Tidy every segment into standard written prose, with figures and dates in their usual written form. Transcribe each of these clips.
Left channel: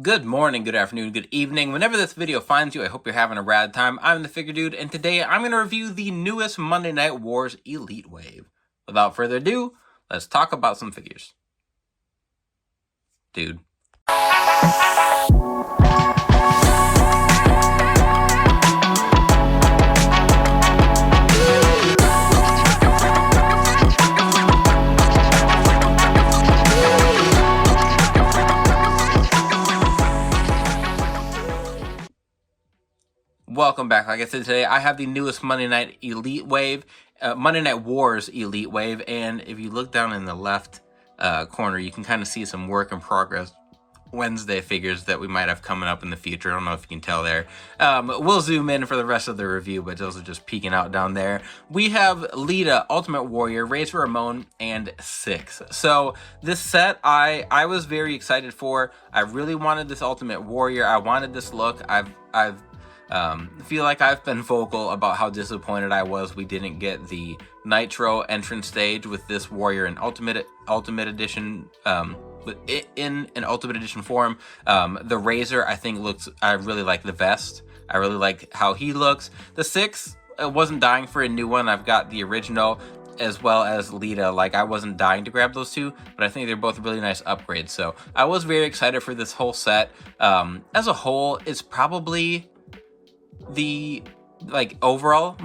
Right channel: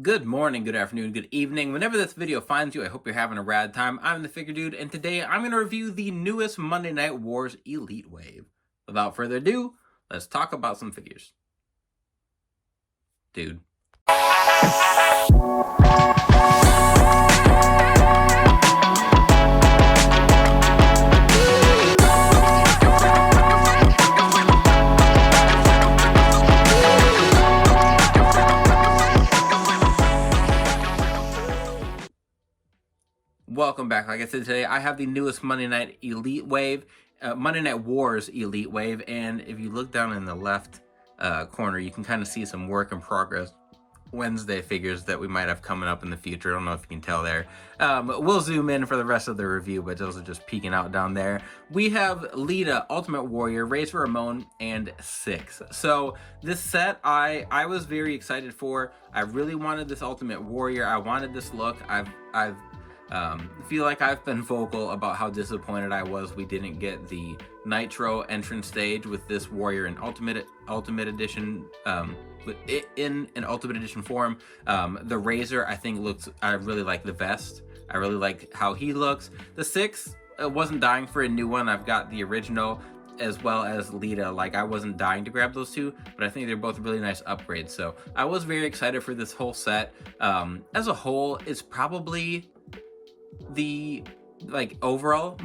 Good morning, good afternoon, good evening. Whenever this video finds you, I hope you're having a rad time. I'm the Figure Dude, and today I'm going to review the newest Monday Night Wars Elite Wave. Without further ado, let's talk about some figures. Dude. Welcome back. Like I said, today I have the newest Monday Night Elite Wave, Monday Night Wars Elite Wave, and if you look down in the left corner, you can kind of see some work in progress Wednesday figures that we might have coming up in the future. I don't know if you can tell there. We'll zoom in for the rest of the review, but those are just peeking out down there. We have Lita, Ultimate Warrior, Ramon, and Syxx. So this set I was very excited for. I really wanted this Ultimate Warrior. I wanted this look. I feel like I've been vocal about how disappointed I was we didn't get the Nitro entrance stage with this Warrior in Ultimate Edition, in an Ultimate Edition form. The Razor, I think, I really like the vest. I really like how he looks. The Syxx, I wasn't dying for a new one. I've got the original as well as Lita. Like, I wasn't dying to grab those two, but I think they're both really nice upgrades. So I was very excited for this whole set. As a whole, it's probably the overall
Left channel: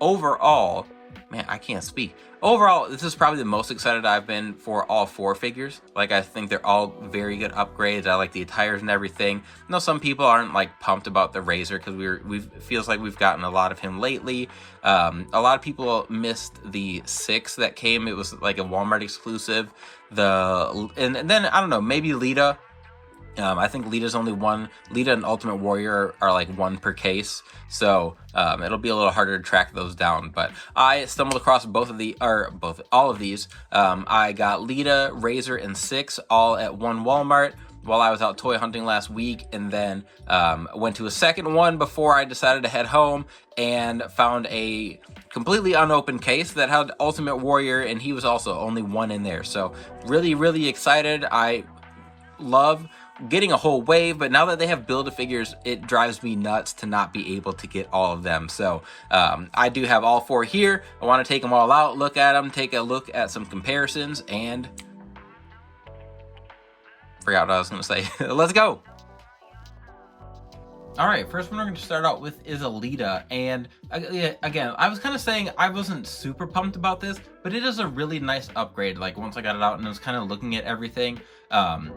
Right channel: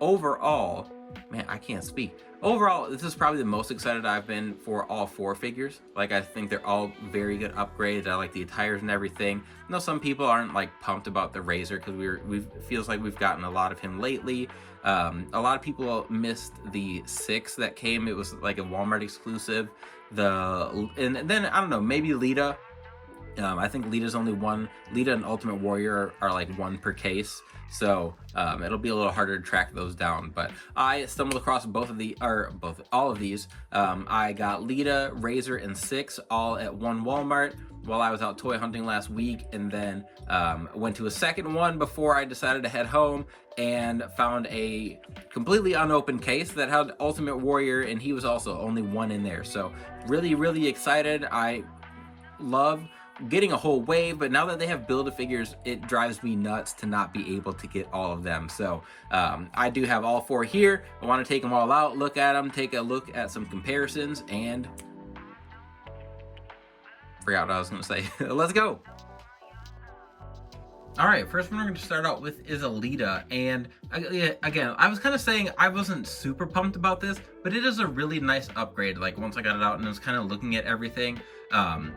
overall, man, I can't speak. Overall, this is probably the most excited I've been for all four figures. Like, I think they're all very good upgrades. I like the attires and everything. I know some people aren't like pumped about the Razor because it feels like we've gotten a lot of him lately. A lot of people missed the Syxx that came. It was like a Walmart exclusive. And then I don't know, maybe Lita. I think Lita's only one. Lita and Ultimate Warrior are like one per case, so it'll be a little harder to track those down. But I stumbled across all of these. I got Lita, Razor, and Syxx all at one Walmart while I was out toy hunting last week, and then went to a second one before I decided to head home and found a completely unopened case that had Ultimate Warrior, and he was also only one in there. So really, really excited. I love getting a whole wave, but now that they have Build-A-Figures, it drives me nuts to not be able to get all of them. So I do have all four here. I want to take them all out, look at them, take a look at some comparisons, and forgot what I was going to say. Let's go. All right, first one we're going to start out with is a Lita, and again, I was kind of saying I wasn't super pumped about this, but it is a really nice upgrade. Like, once I got it out and I was kind of looking at everything,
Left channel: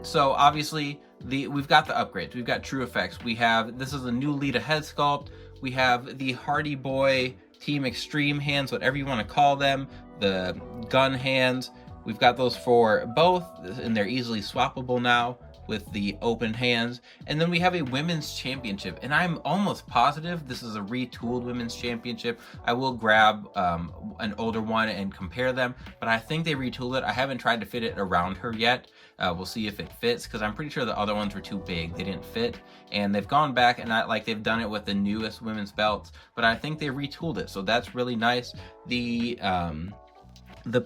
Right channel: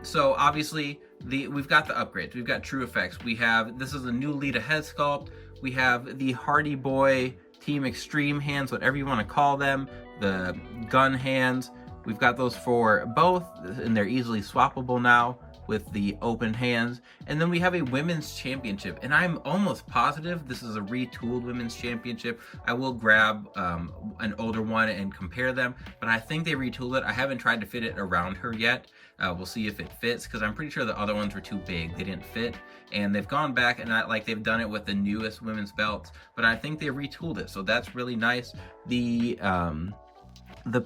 so obviously we've got the upgrades. We've got True Effects. This is a new Lita head sculpt. We have the Hardy Boy Team Extreme hands, whatever you want to call them, the gun hands. We've got those for both, and they're easily swappable now with the open hands. And then we have a women's championship, and I'm almost positive this is a retooled women's championship. I will grab an older one and compare them, but I think they retooled it. I haven't tried to fit it around her yet. We'll see if it fits, because I'm pretty sure the other ones were too big. They didn't fit, and they've gone back and they've done it with the newest women's belts, but I think they retooled it, so that's really nice. The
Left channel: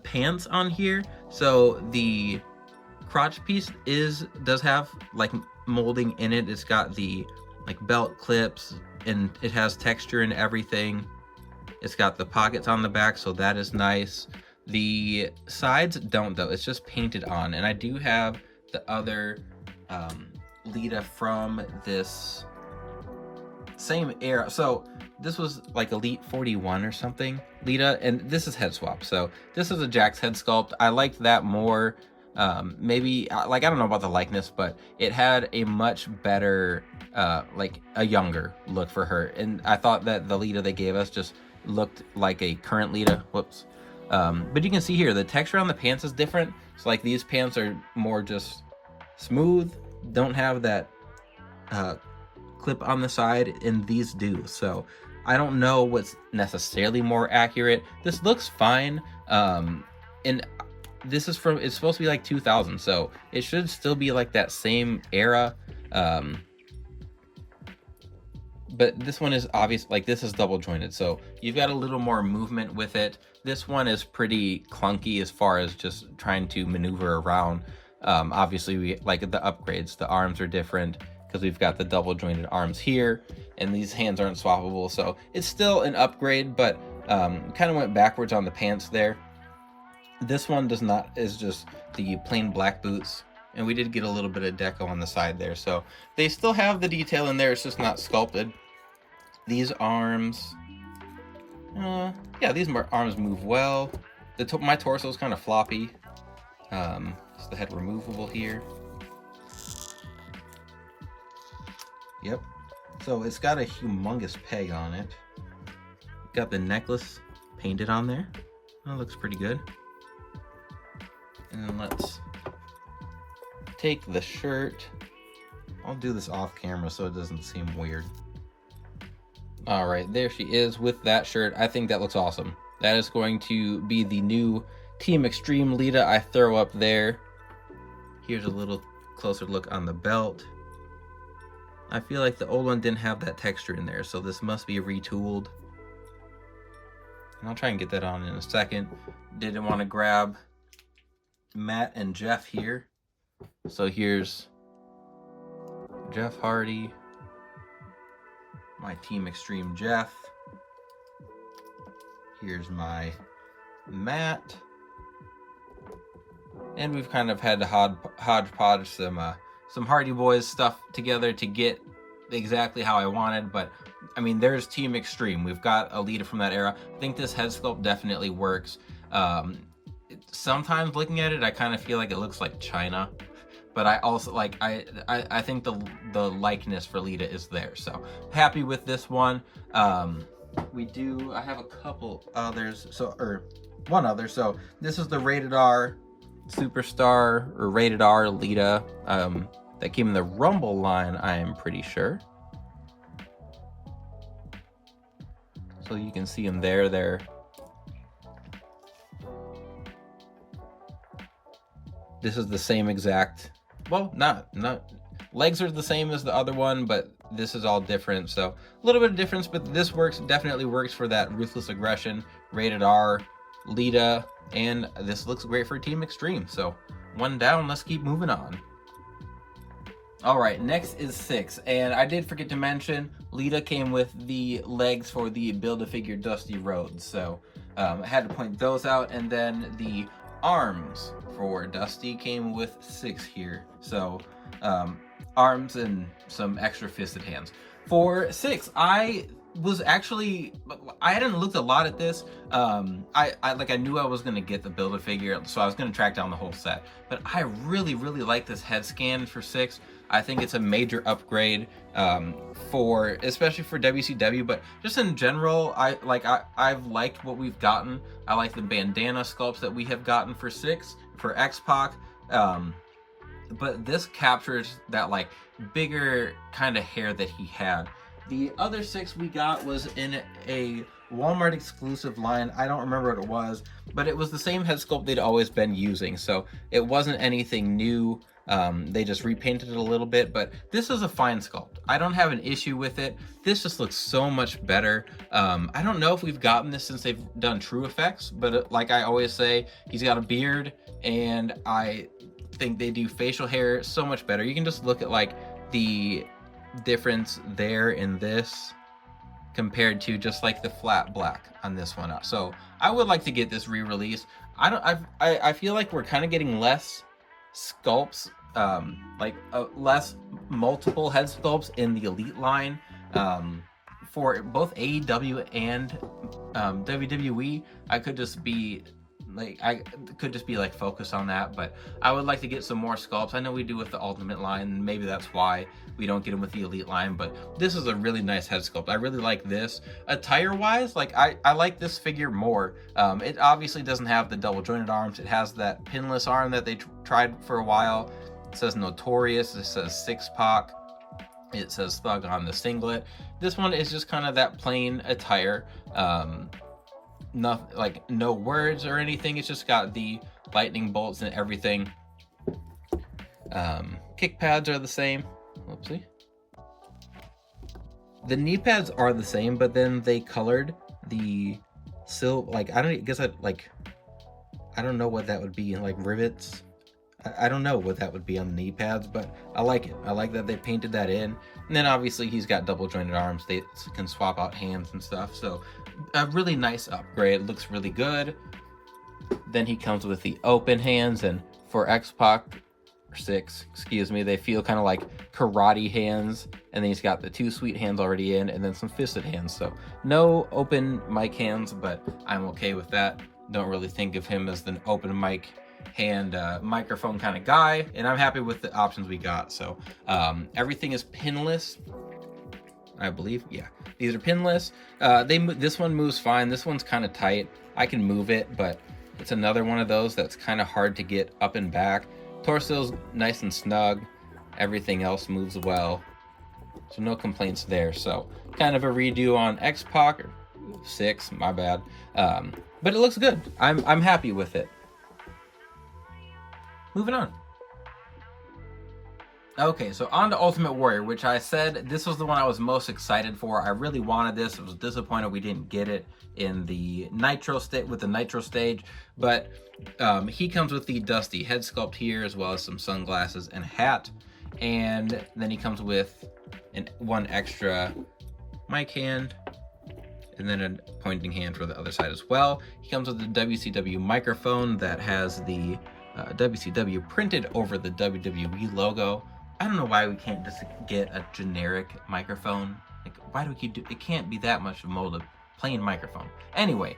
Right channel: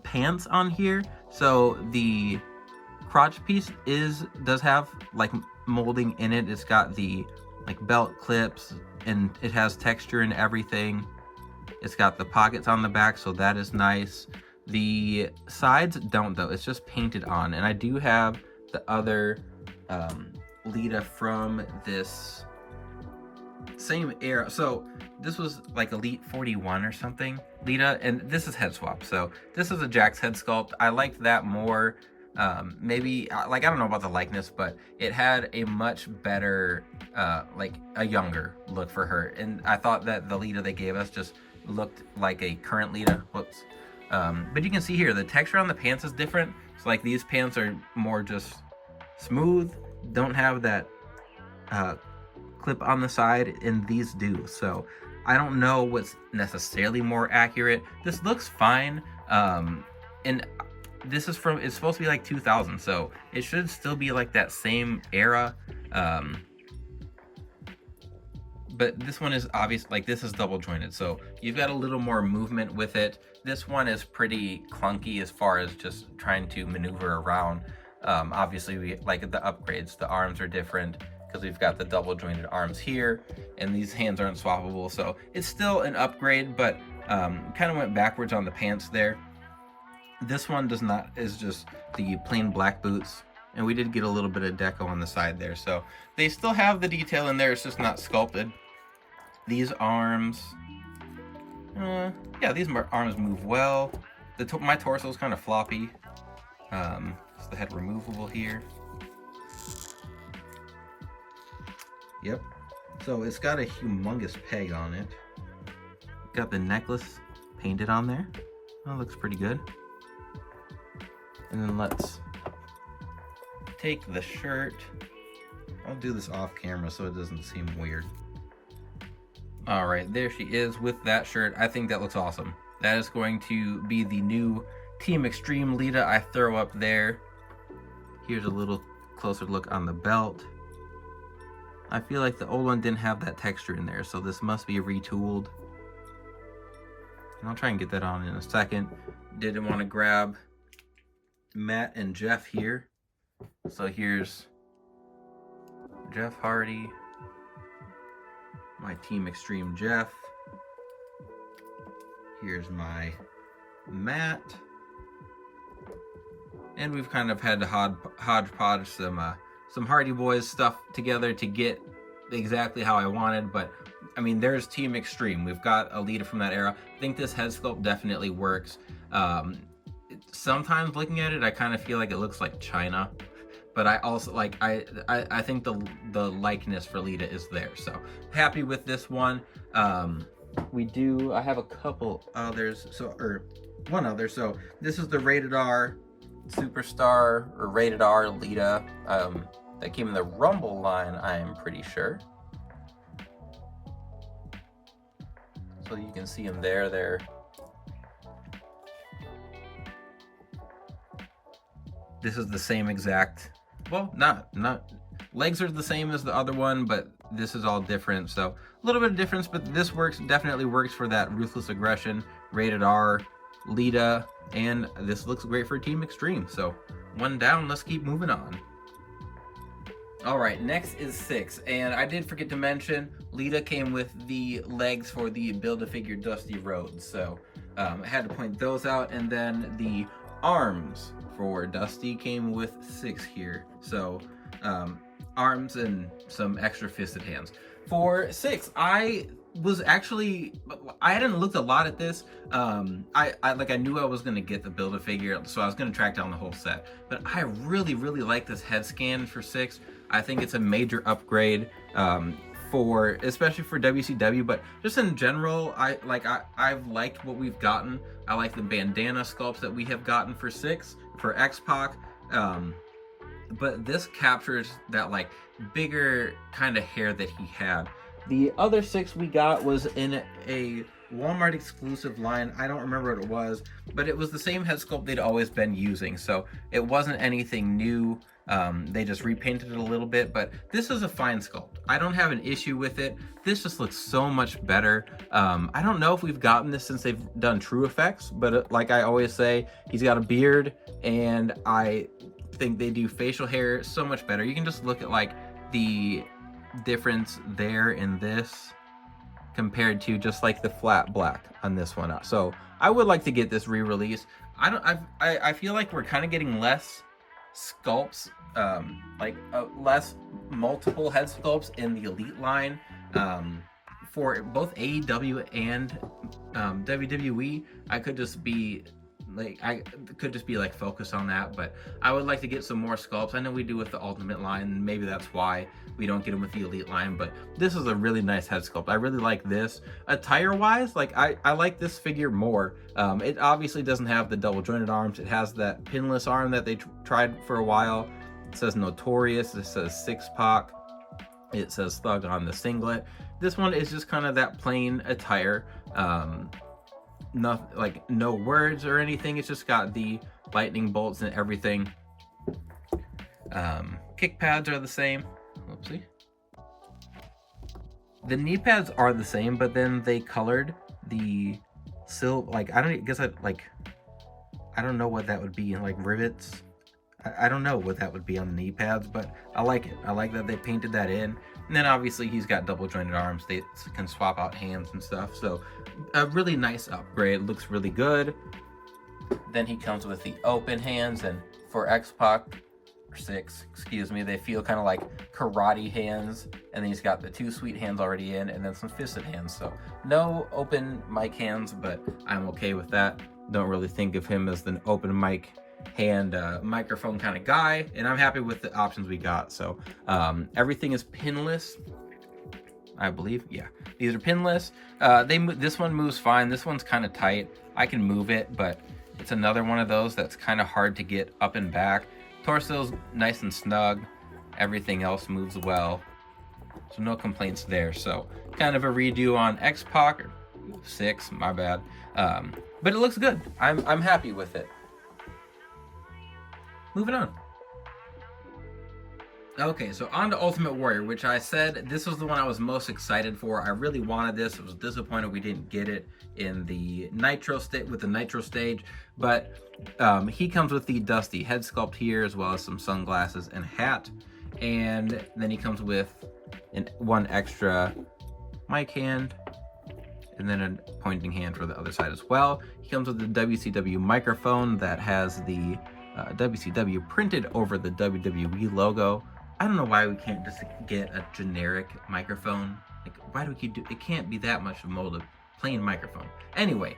pants on here, so the crotch piece does have like molding in it. It's got the like belt clips, and it has texture and everything. It's got the pockets on the back, so that is nice. The sides don't, though. It's just painted on. And I do have the other Lita from this same era. So this was like Elite 41 or something, Lita, and this is head swap. So this is a Jack's head sculpt. I liked that more. Maybe, like, I don't know about the likeness, but it had a much better, like a younger look for her. And I thought that the Lita they gave us just looked like a current Lita. Whoops. But you can see here, the texture on the pants is different. So like, these pants are more just smooth, don't have that clip on the side, and these do. So I don't know what's necessarily more accurate. This looks fine. And this is it's supposed to be like 2000, so it should still be like that same era. But this one is obvious, like this is double jointed, so you've got a little more movement with it. This one is pretty clunky as far as just trying to maneuver around. Obviously, we like the upgrades. The arms are different because we've got the double jointed arms here, and these hands aren't swappable. So it's still an upgrade, but kind of went backwards on the pants there. This one does not, is just the plain black boots. And we did get a little bit of deco on the side there. So they still have the detail in there. It's just not sculpted. These arms, yeah, these arms move well. My torso is kind of floppy. It's the head removable here. Yep. So it's got a humongous peg on it. Got the necklace painted on there. That looks pretty good. And then let's take the shirt. I'll do this off camera so it doesn't seem weird. All right, there she is with that shirt. I think that looks awesome. That is going to be the new Team Extreme Lita I throw up there. Here's a little closer look on the belt. I feel like the old one didn't have that texture in there, so this must be retooled. And I'll try and get that on in a second. Didn't want to grab Matt and Jeff here. So here's Jeff Hardy, my Team Extreme Jeff. Here's my Matt. And we've kind of had to hodgepodge some Hardy Boys stuff together to get exactly how I wanted, but I mean, there's Team Extreme. We've got a Lita from that era. I think this head sculpt definitely works. Sometimes looking at it, I kind of feel like it looks like China, but I also like, I think the likeness for Lita is there. So happy with this one. I have a couple others, one other. So this is the Rated R Superstar, or Rated R Lita, that came in the Rumble line, I'm pretty sure. So you can see them there. This is the same exact, well, not legs are the same as the other one, but this is all different. So a little bit of difference, but this definitely works for that Ruthless Aggression, Rated R, Lita, and this looks great for Team Extreme. So one down, let's keep moving on. All right, next is Syxx, and I did forget to mention, Lita came with the legs for the Build-A-Figure Dusty Rhodes, so I had to point those out, and then the arms for Dusty came with Syxx here. So arms and some extra fisted hands. For Syxx, I hadn't looked a lot at this. I knew I was gonna get the Build-A-Figure, so I was gonna track down the whole set. But I really like this head scan for Syxx. I think it's a major upgrade, especially for WCW, but just in general, I've liked what we've gotten. I like the bandana sculpts that we have gotten for Syxx, for X-Pac, but this captures that like bigger kind of hair that he had. The other Syxx we got was in a Walmart exclusive line. I don't remember what it was, but it was the same head sculpt they'd always been using, so it wasn't anything new. They just repainted it a little bit, but this is a fine sculpt. I don't have an issue with it. This just looks so much better. I don't know if we've gotten this since they've done True Effects, but like I always say, he's got a beard, and I think they do facial hair so much better. You can just look at like the difference there in this compared to just like the flat black on this one. So I would like to get this re-released. I feel like we're kind of getting less sculpts, less multiple head sculpts in the Elite line for both AEW and WWE. I could just be focused on that, but I would like to get some more sculpts. I know we do with the Ultimate line, maybe that's why we don't get them with the Elite line, but this is a really nice head sculpt. I really like this. Attire wise, like I like this figure more. It obviously doesn't have the double jointed arms. It has that pinless arm that they tried for a while. It says Notorious, it says Syxx-Pac, it says Thug on the singlet. This one is just kind of that plain attire. No words or anything. It's just got the lightning bolts and everything. Kick pads are the same. Whoopsie. The knee pads are the same, but then they colored the I don't know what that would be, like rivets. I don't know what that would be on the knee pads, but I like it. I like that they painted that in. And then obviously he's got double jointed arms. They can swap out hands and stuff. So a really nice upgrade. Looks really good. Then he comes with the open hands, and for X-Pac, or Syxx, excuse me, they feel kind of like karate hands. And then he's got the 2 sweet hands already in, and then some fisted hands. So no open mic hands, but I'm okay with that. Don't really think of him as an open mic hand microphone kind of guy, and I'm happy with the options we got. So everything is pinless, I believe. Yeah, these are pinless. This one moves fine. This one's kind of tight. I can move it, but it's another one of those that's kind of hard to get up and back. Torso's nice and snug. Everything else moves well, so no complaints there. So kind of a redo on X-Pac, or Syxx, my bad. But it looks good. I'm happy with it. Moving on. Okay, so on to Ultimate Warrior, which I said this was the one I was most excited for. I really wanted this. I was disappointed we didn't get it in the Nitro stage, but he comes with the Dusty head sculpt here, as well as some sunglasses and hat, and then he comes with one extra mic hand, and then a pointing hand for the other side as well. He comes with the WCW microphone that has the WCW printed over the WWE logo. I don't know why we can't just get a generic microphone. Like, why do we keep it can't be that much of a plain microphone. Anyway,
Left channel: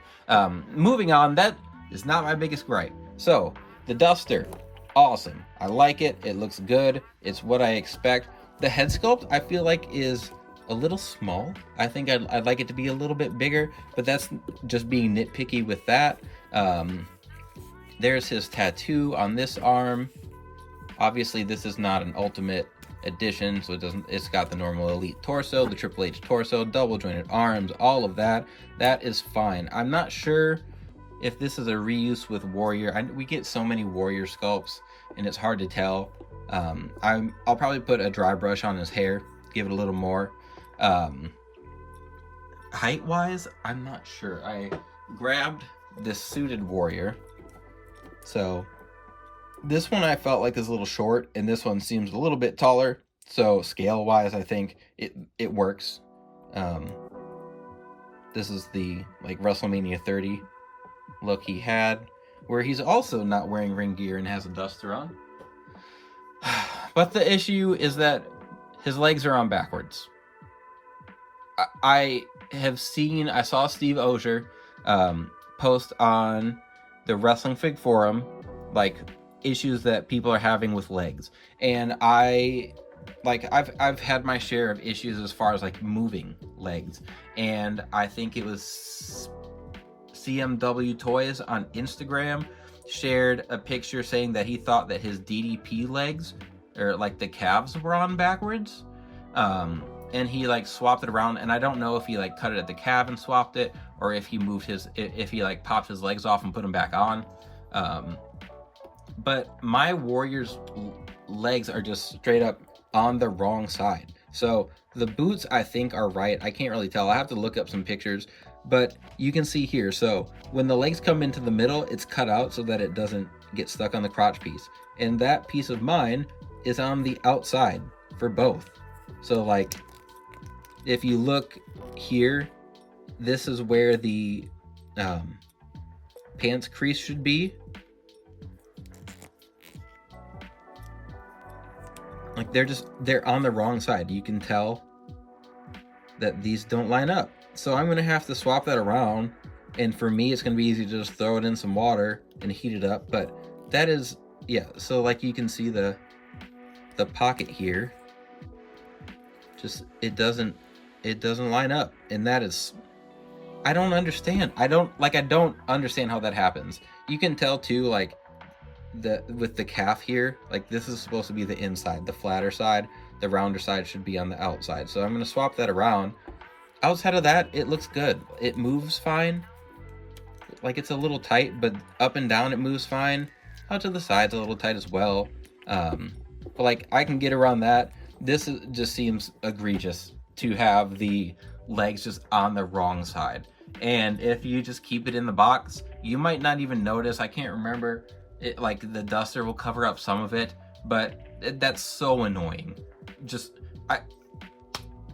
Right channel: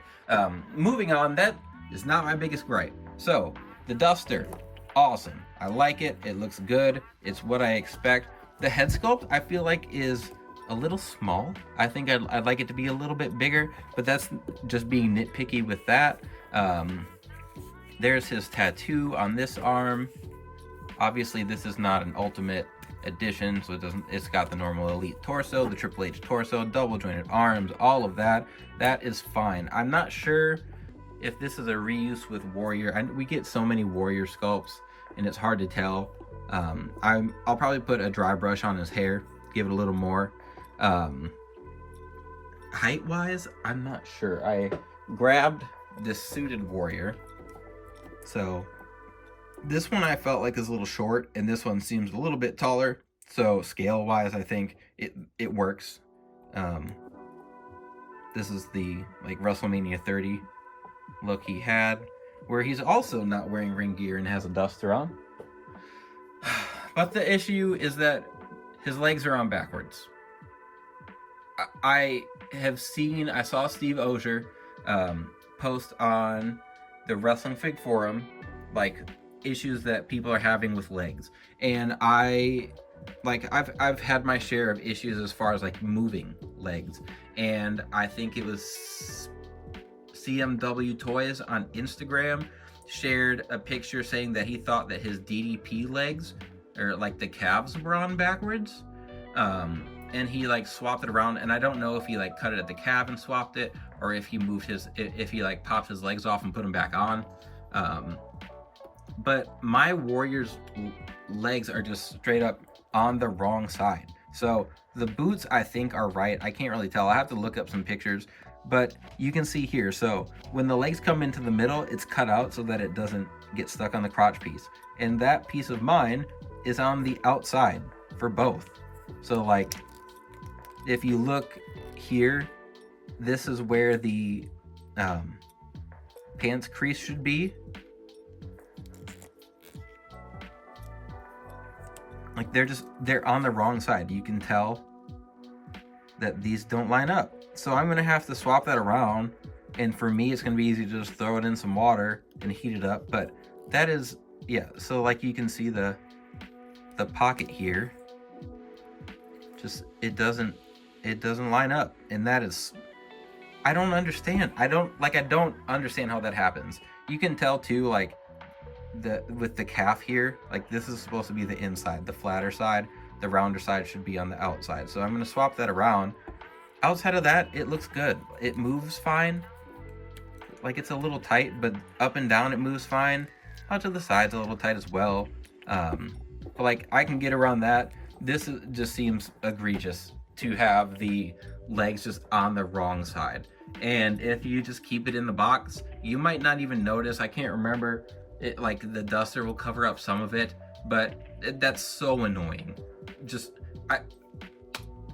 moving on, that is not my biggest gripe. So, the Duster, awesome. I like it. It looks good. It's what I expect. The head sculpt, I feel like, is a little small. I think I'd like it to be a little bit bigger, but that's just being nitpicky with that. There's his tattoo on this arm. Obviously, this is not an Ultimate Edition, so it's got the normal Elite torso, the Triple H torso, double jointed arms, all of that. That is fine. I'm not sure if this is a reuse with Warrior. We get so many Warrior sculpts, and it's hard to tell. I'll probably put a dry brush on his hair, give it a little more. Height-wise, I'm not sure. I grabbed this suited Warrior. So this one I felt like is a little short, and this one seems a little bit taller. So scale wise, I think it works. This is the like WrestleMania 30 look he had, where he's also not wearing ring gear and has a duster on. But the issue is that his legs are on backwards. I saw Steve Ozier post on the Wrestling Fig forum, like, issues that people are having with legs, and I've had my share of issues as far as like moving legs, and I think it was CMW Toys on Instagram shared a picture saying that he thought that his DDP legs, or like the calves, were on backwards, and he like swapped it around, and I don't know if he like cut it at the calf and swapped it, or if he like popped his legs off and put them back on. But my Warrior's legs are just straight up on the wrong side. So the boots, I think, are right. I can't really tell. I have to look up some pictures, but you can see here. So when the legs come into the middle, it's cut out so that it doesn't get stuck on the crotch piece. And that piece of mine is on the outside for both. So like, if you look here, this is where the pants crease should be. Like, they're on the wrong side. You can tell that these don't line up. So I'm gonna have to swap that around. And for me, it's gonna be easy to just throw it in some water and heat it up. But that is, yeah. So like you can see the pocket here, just it doesn't line up, and that is, I don't understand. I don't understand how that happens. You can tell too, like, with the calf here, like this is supposed to be the inside, the flatter side, the rounder side should be on the outside. So I'm going to swap that around. Outside of that, it looks good. It moves fine. Like, it's a little tight, but up and down it moves fine. Out to the sides a little tight as well. But like, I can get around that. This just seems egregious to have the legs just on the wrong side. And if you just keep it in the box, you might not even notice. I can't remember like the duster will cover up some of it, but that's so annoying. Just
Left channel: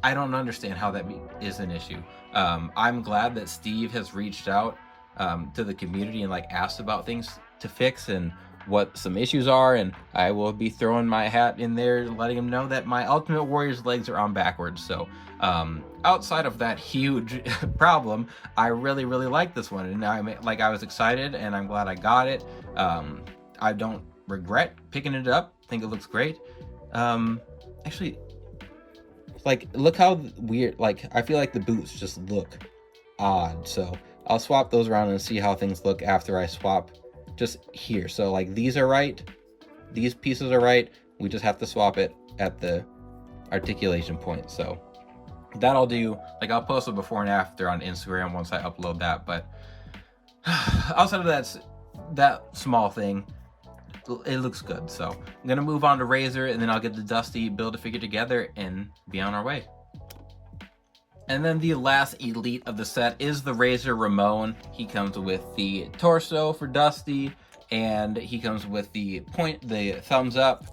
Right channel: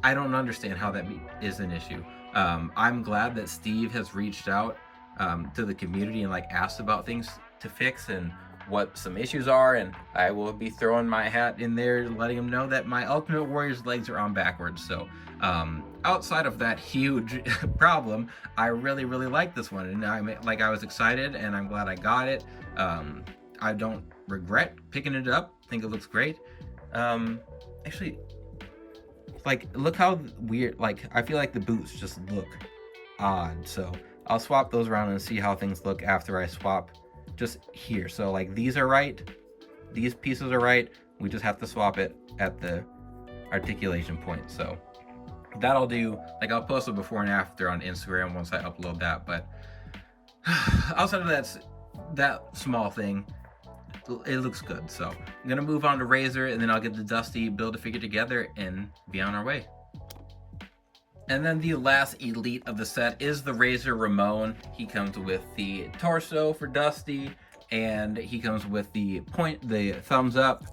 I don't understand how that is an issue. I'm glad that Steve has reached out to the community and like asked about things to fix and what some issues are, and I will be throwing my hat in there, letting him know that my Ultimate Warrior's legs are on backwards. So outside of that huge problem, I really like this one, and I was excited, and I'm glad I got it. I don't regret picking it up. I think it looks great. Actually, like, look how weird, like, I feel like the boots just look odd, so I'll swap those around and see how things look after I swap just here. So like these are right, these pieces are right, we just have to swap it at the articulation point. So that'll do. Like, I'll post a before and after on Instagram once I upload that, but outside of that small thing, it looks good. So I'm gonna move on to Razor, and then I'll get the Dusty Build-A-Figure together and be on our way. And then the last elite of the set is the Razor Ramon. He comes with the torso for Dusty, and he comes with the thumbs up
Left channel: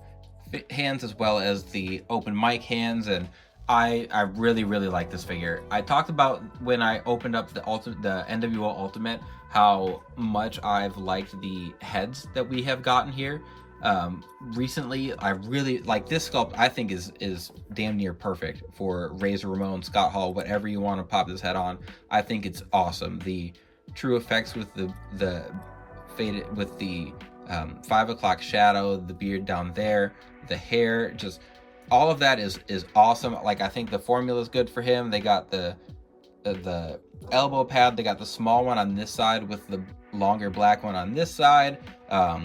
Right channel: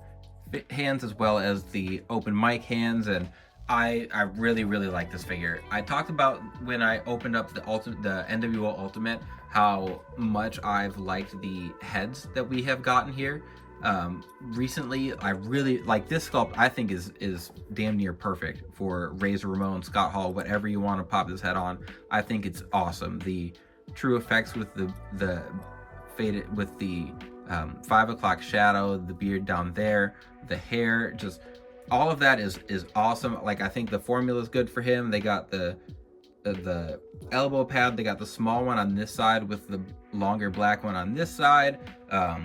hands, as well as the open mic hands. And I really like this figure. I talked about when I opened up the NWO Ultimate how much I've liked the heads that we have gotten here. Recently, I really like this sculpt. I think is damn near perfect for Razor Ramon, Scott Hall, whatever you want to pop this head on. I think it's awesome. The true effects with the faded, with the 5 o'clock shadow, the beard down there, the hair, just all of that is awesome. Like, I think the formula is good for him. They got the elbow pad, they got the small one on this side with the longer black one on this side.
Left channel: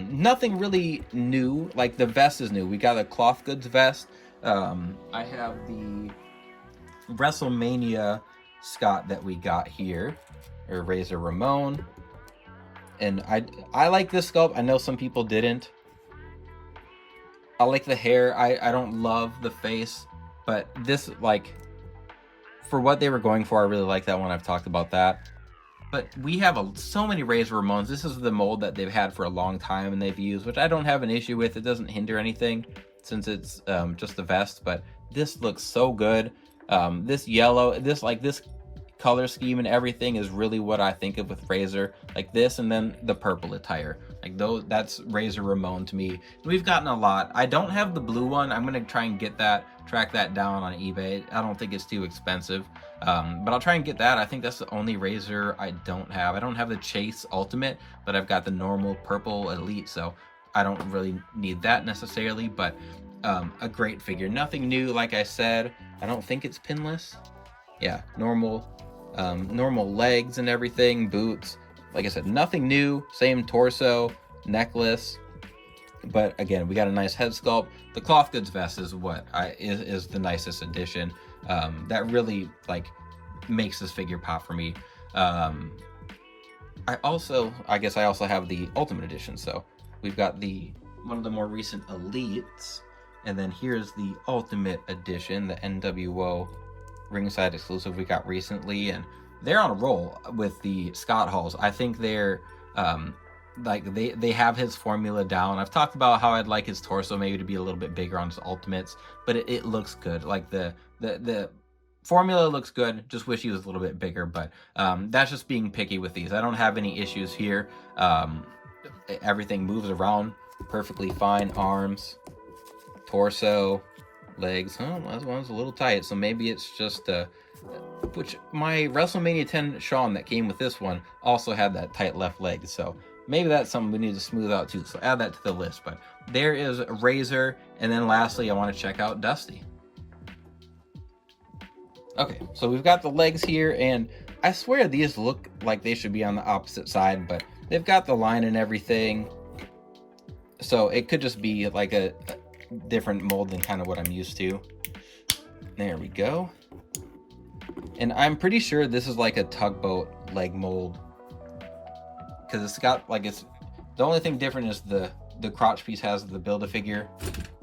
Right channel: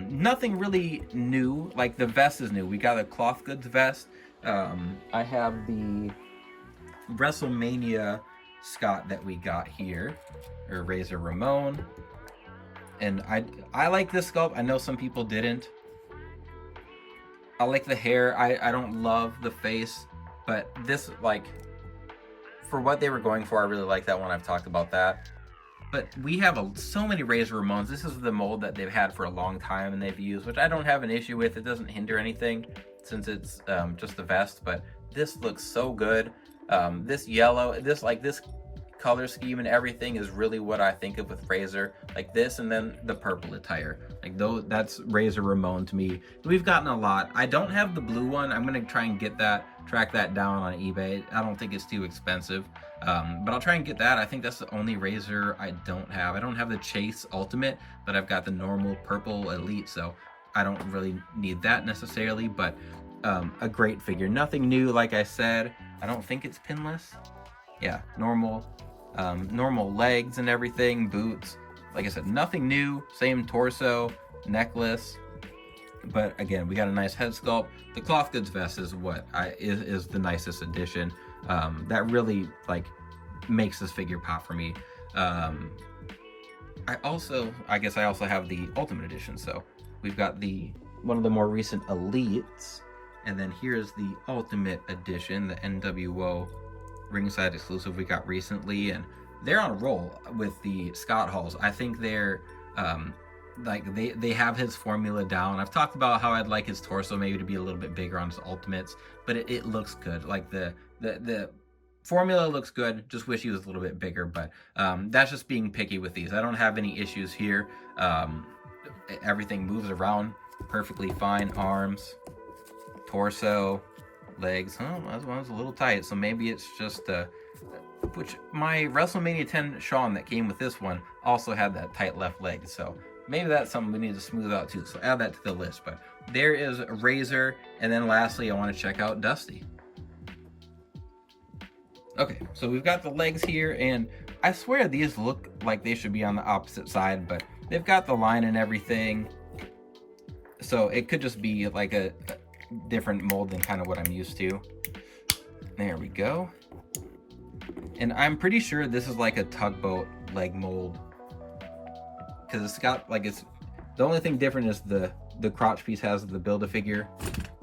Nothing really new. Like, the vest is new. We got a cloth goods vest. I have the WrestleMania Scott that we got here, or Razor Ramon, and I like this sculpt. I know some people didn't. I like the hair. I don't love the face, but this, like, for what they were going for, I really like that one. I've talked about that. But we have so many Razor Ramones. This is the mold that they've had for a long time and they've used, which I don't have an issue with. It doesn't hinder anything since it's just the vest, but this looks so good. This yellow, this color scheme and everything is really what I think of with Razor. Like this, and then the purple attire. Like, that's Razor Ramon to me. We've gotten a lot. I don't have the blue one. I'm gonna try and track that down on eBay. I don't think it's too expensive, but I'll try and get that. I think that's the only Razor I don't have. I don't have the Chase Ultimate, but I've got the normal purple Elite, so I don't really need that necessarily. But a great figure. Nothing new, like I said. I don't think it's pinless. Yeah, normal legs and everything, boots. Like I said, nothing new. Same torso, necklace. But again, we got a nice head sculpt. The cloth goods vest is what is the nicest addition. That really like makes this figure pop for me. I guess I also have the Ultimate Edition. So we've got one of the more recent Elites, and then here's the Ultimate Edition, the NWO ringside exclusive we got recently, and they're on a roll with the Scott Halls. I think they're like they have his formula down. I've talked about how I'd like his torso maybe to be a little bit bigger on his Ultimates, but it looks good. Like the formula looks good. Just wish he was a little bit bigger, but that's just being picky with these. I don't have any issues here. Everything moves around perfectly fine. Arms, torso, legs. Oh, that one's a little tight, so maybe it's just which my WrestleMania 10 Shawn that came with this one also had that tight left leg, so maybe that's something we need to smooth out too, so add that to the list. But there is Razor, and then lastly I want to check out Dusty. Okay, so we've got the legs here, and I swear these look like they should be on the opposite side, but they've got the line and everything, so it could just be like a different mold than kind of what I'm used to. There we go. And I'm pretty sure this is like a tugboat leg mold, because it's got like, it's the only thing different is the crotch piece has the Build-A-Figure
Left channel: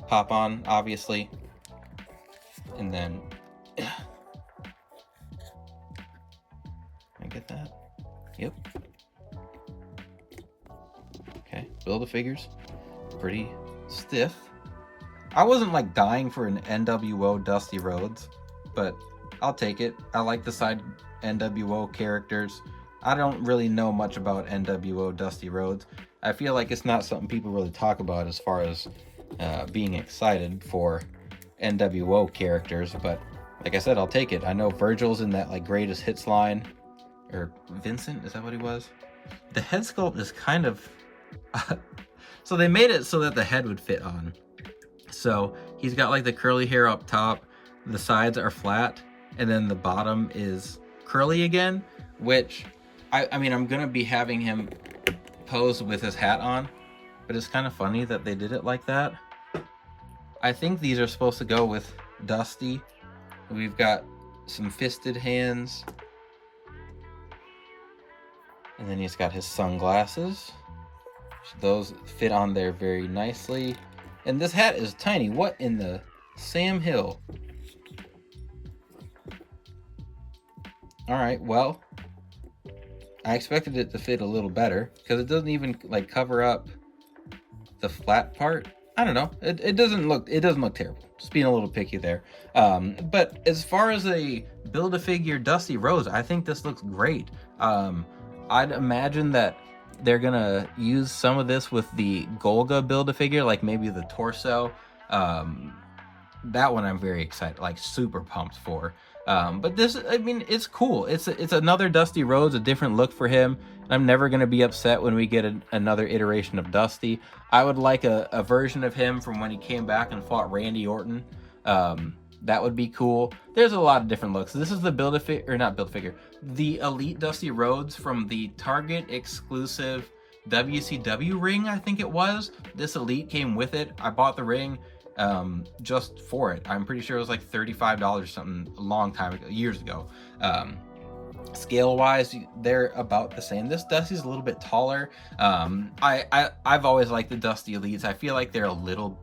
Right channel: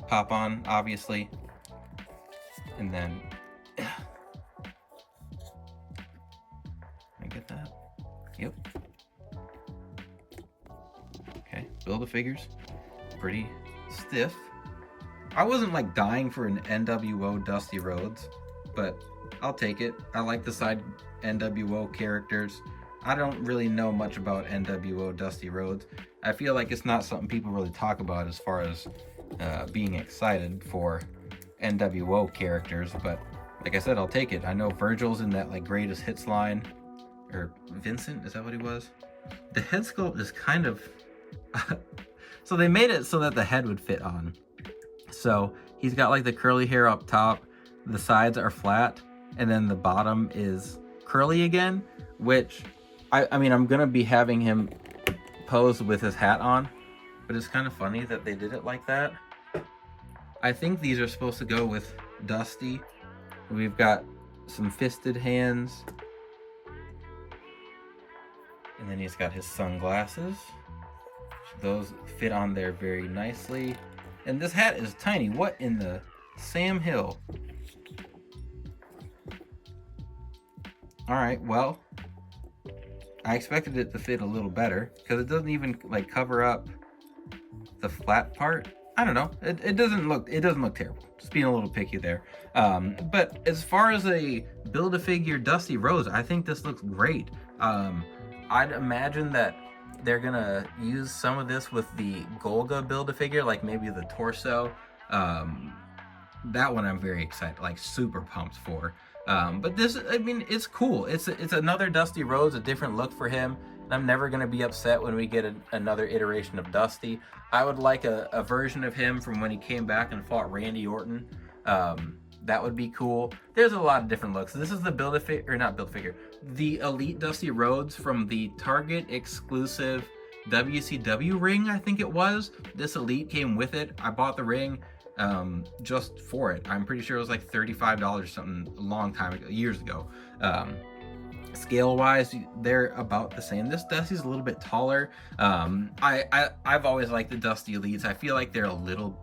pop on, obviously, and then I get that. Yep. Okay, Build-A-Figures. Pretty stiff. I wasn't like dying for an NWO Dusty Rhodes, but I'll take it. I like the side NWO characters. I don't really know much about NWO Dusty Rhodes. I feel like it's not something people really talk about as far as being excited for NWO characters, but like I said, I'll take it. I know Virgil's in that like greatest hits line, or Vincent, is that what he was? The head sculpt is kind of so they made it so that the head would fit on. So he's got like the curly hair up top, the sides are flat, and then the bottom is curly again, which I mean, I'm gonna be having him pose with his hat on, but it's kind of funny that they did it like that. I think these are supposed to go with Dusty. We've got some fisted hands, and then he's got his sunglasses. So those fit on there very nicely. And this hat is tiny. What in the Sam Hill? All right, well, I expected it to fit a little better because it doesn't even like cover up the flat part. I don't know. It doesn't look terrible. Just being a little picky there. But as far as a Build-A-Figure Dusty Rhodes, I think this looks great. I'd imagine that they're gonna use some of this with the Golga Build-A-Figure, like maybe the torso. That one I'm very excited, like super pumped for. But this, I mean, it's cool. It's another Dusty Rhodes, a different look for him. I'm never going to be upset when we get another iteration of Dusty. I would like a version of him from when he came back and fought Randy Orton. That would be cool. There's a lot of different looks. This is the Build-A-Figure, or not Build-A-Figure, the Elite Dusty Rhodes from the Target exclusive WCW ring, I think it was. This Elite came with it. I bought the ring just for it. I'm pretty sure it was like $35 or something a long time ago, years ago. Scale wise, they're about the same. This Dusty's a little bit taller. I've always liked the Dusty Elites. I feel like they're a little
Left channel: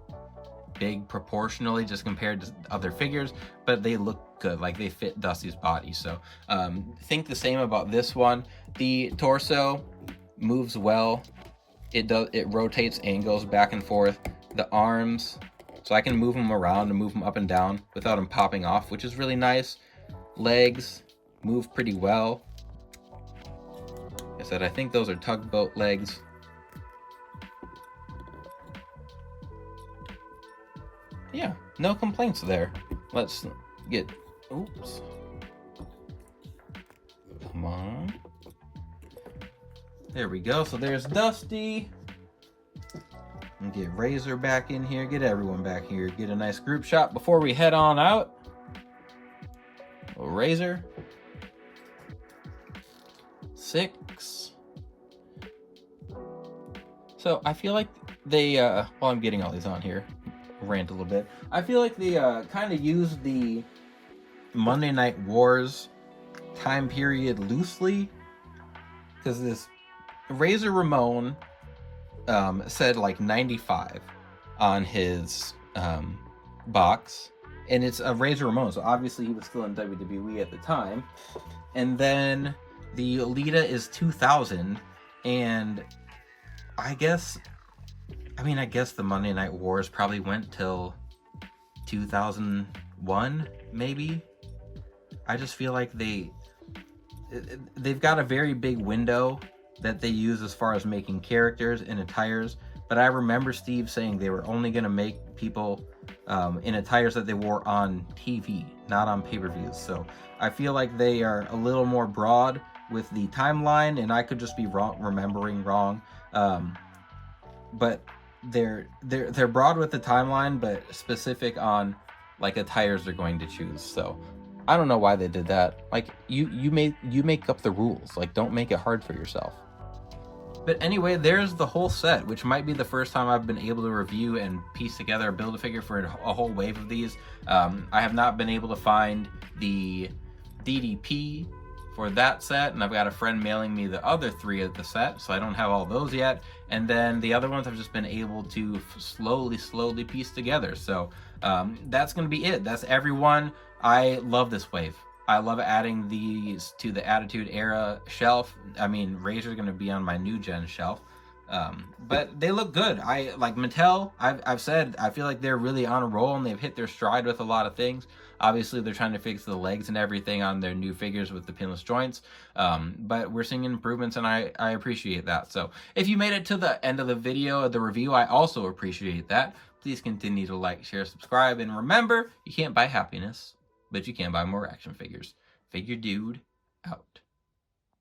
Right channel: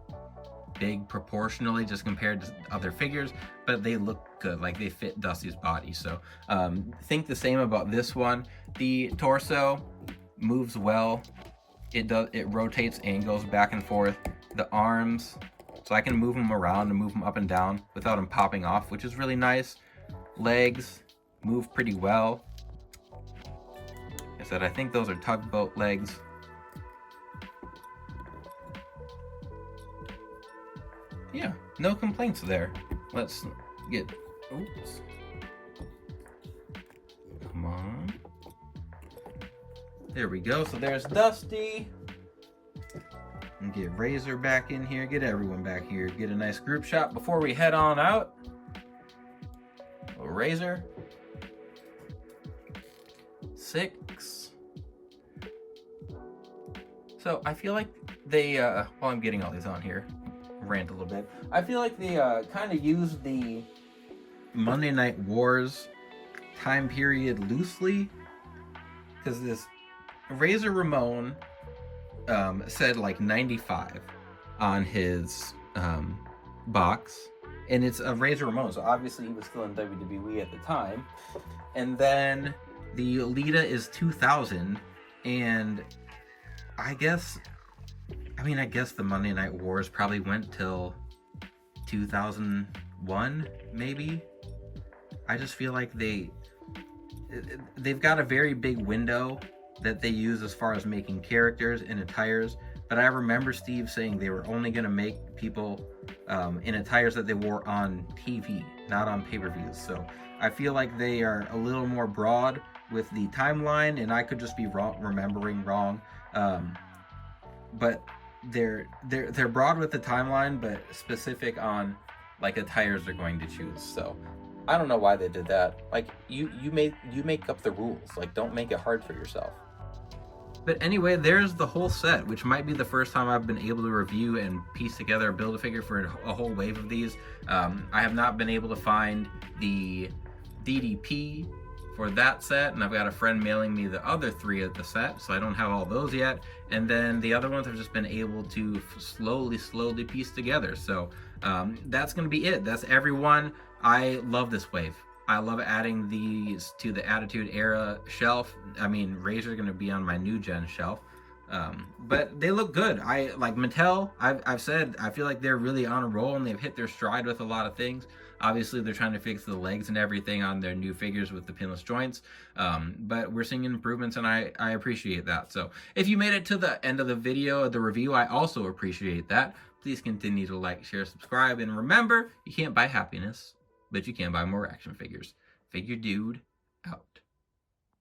big proportionally just compared to other figures, but they look good, like they fit Dusty's body. So think the same about this one. The torso moves well. It rotates and goes back and forth. The arms, so I can move them around and move them up and down without them popping off, which is really nice. Legs move pretty well. Like I said, I think those are tugboat legs. Yeah, no complaints there. Let's get, oops. Come on. There we go. So there's Dusty. And get Razor back in here. Get everyone back here. Get a nice group shot before we head on out. Razor. Syxx. So I feel like they, while I'm getting all these on here, rant a little bit. I feel like they kind of used the Monday Night Wars time period loosely, because this Razor Ramon said like 95 on his box, and it's a Razor Ramon, so obviously he was still in WWE at the time. And then the Lita is 2000, and I guess the Monday Night Wars probably went till 2001, maybe. I just feel like they've got a very big window that they use as far as making characters and attires, but I remember Steve saying they were only going to make people in attires that they wore on TV, not on pay-per-views. So I feel like they are a little more broad with the timeline, and I could just be remembering wrong. But they're broad with the timeline, but specific on like attires they're going to choose. So I don't know why they did that. Like you make up the rules. Like, don't make it hard for yourself. But anyway, there's the whole set, which might be the first time I've been able to review and piece together a Build-A-Figure for a whole wave of these. I have not been able to find the DDP for that set, and I've got a friend mailing me the other 3 of the set, so I don't have all those yet. And then the other ones I've just been able to slowly piece together. So that's gonna be it. That's everyone. I love this wave. I love adding these to the Attitude Era shelf. I mean, Razor's gonna be on my new gen shelf, But they look good. I like Mattel. I've said I feel like they're really on a roll and they've hit their stride with a lot of things. Obviously, they're trying to fix the legs and everything on their new figures with the pinless joints. But we're seeing improvements, and I appreciate that. So if you made it to the end of the video of the review, I also appreciate that. Please continue to like, share, subscribe, and remember, you can't buy happiness, but you can buy more action figures. Figure Dude out.